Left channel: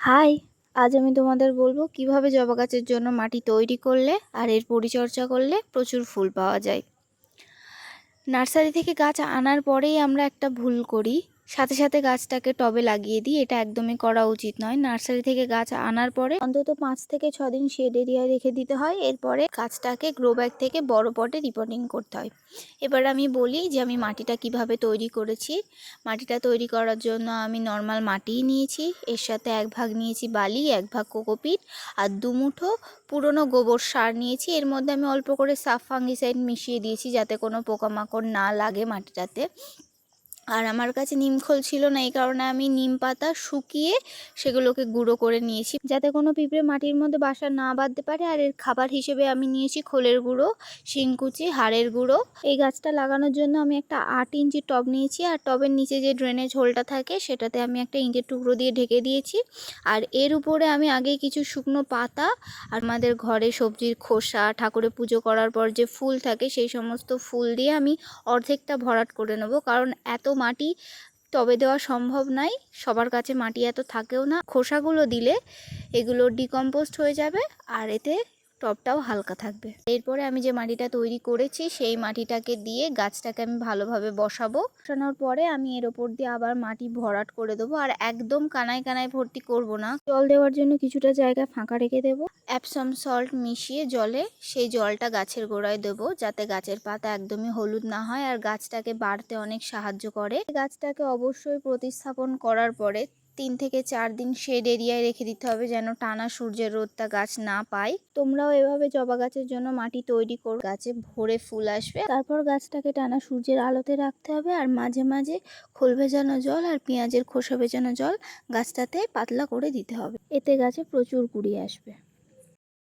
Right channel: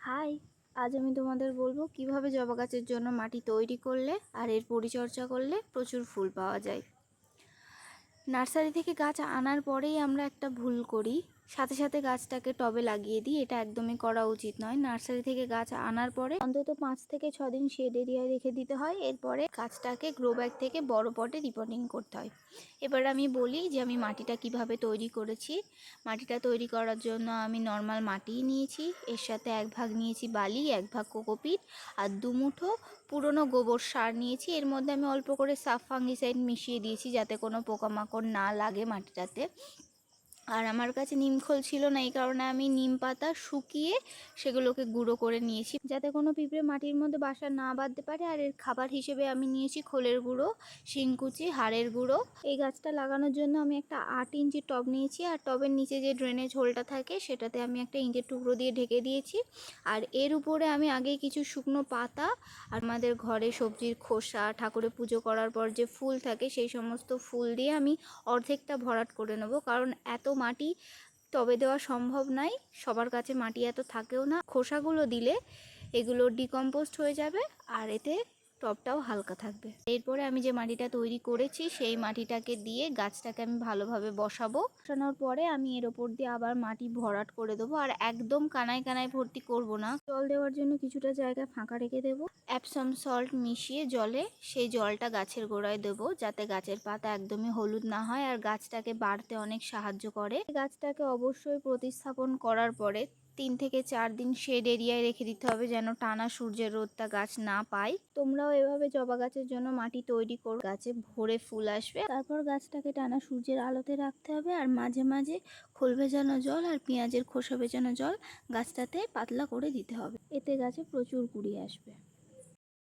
High, আজ আমি তোমাদের বলব কীভাবে জবা গাছের জন্য মাটি তৈরি করলে আর এর পরিচর্যা করলে প্রচুর ফুল পাওয়া যায়। নার্সারি থেকে গাছ আনার পরেই আমরা একটা ভুল করি। সাথে সাথে গাছটাকে টবে লাগিয়ে দিই। এটা একদমই করা উচিত নয়। নার্সারি থেকে গাছ আনার পরে অন্তত পাঁচ থেকে ছ দিন শেড এরিয়ায় রেখে দিতে হয়। এরপরে গাছটাকে গ্রো ব্যাগ থেকে বড় পটে রিপোর্টিং করতে হয়। এবার আমি বলি যে আমি মাটিটা কীভাবে তৈরি করেছি। মাটিটা তৈরি করার জন্য আমি নর্মাল মাটিই নিয়েছি। এর সাথে এক ভাগ নিয়েছি বালি, এক ভাগ কোকোপিট আর দুমুঠো পুরনো গোবর সার নিয়েছি। এর মধ্যে আমি অল্প করে সাফ ফাঙ্গিসাইড মিশিয়ে দিয়েছি যাতে কোনো পোকামাকড় না লাগে মাটিটাতে। আর আমার কাছে নিমখোল ছিল না, এই কারণে আমি নিম পাতা শুকিয়ে সেগুলোকে গুঁড়ো করে নিয়েছি। যাতে কোনো পিঁপড়ে মাটির মধ্যে বাসা না বাঁধতে পারে, আর এর খাবার হিসেবে আমি নিয়েছি খোলের গুঁড়ো, শিংকুচি, হাড়ের গুঁড়ো। এই গাছটা লাগানোর জন্য আমি একটা আট ইঞ্চি টব নিয়েছি, আর টবের নিচে যে ড্রেনেজ হোলটা থাকে, সেটাতে আমি একটা ইঞ্চের টুকরো দিয়ে ঢেকে দিয়েছি। আর এর উপরে আমি আগে কিছু শুকনো পাতা, আর আমাদের ঘরে সবজির খোসা ঠাকুরে পুজো করার পর যে ফুল থাকে, সেই সমস্ত ফুল দিয়ে আমি অর্ধেকটা ভরাট করে নেব। কারণ এত মাটি তবে দেওয়া সম্ভব নয়। সবার কাছে মাটি এত থাকেও না। খোসাগুলো দিলে এগুলো ডিকম্পোস্ট হয়ে যাবে। আর এতে টবটাও হালকা থাকবে। এরপরে আমি যে মাটিটা তৈরি করেছি, সেই মাটিটাকে দিয়ে গাছটাকে আমি ভালোভাবে বসাবো। বসানোর পরে আমি এর ওপর দিয়ে আবার মাটি ভরাট করে দেবো। আর একদম কানায় কানায় ভর্তি করব না। জল দেওয়ার জন্য কিছুটা জায়গা ফাঁকা রেখে দেবো। অ্যাপসম সল্ট মিশিয়ে জলে সেই জলটা গাছের গোড়ায় দেবো, যাতে গাছের পাতা একদমই হলুদ না হয় আর গাছটাকে বাড়তে অনেক সাহায্য করে। গাছটাকে অবশ্যই প্রতিস্থাপন করার পরে তিন থেকে চার দিন শেড এরিয়ায় রেখে দিতে হবে যেন টানা সূর্যের রোদটা গাছ না পায়। তোমরাও এভাবে জবা গাছের জন্য মাটি তৈরি কর। গাছে ভরে ফুল আসবে। তারপর গাছটাকে টানা সূর্যের আলোতে রাখতে হবে আর মাঝে মাঝে খোল ভেজানো জল আর পেঁয়াজের খোসা ভেজানো জল গাছটাতে পাতলা করে দিতে হবে। এতে গাছে প্রচুর কুড়ি আসবে।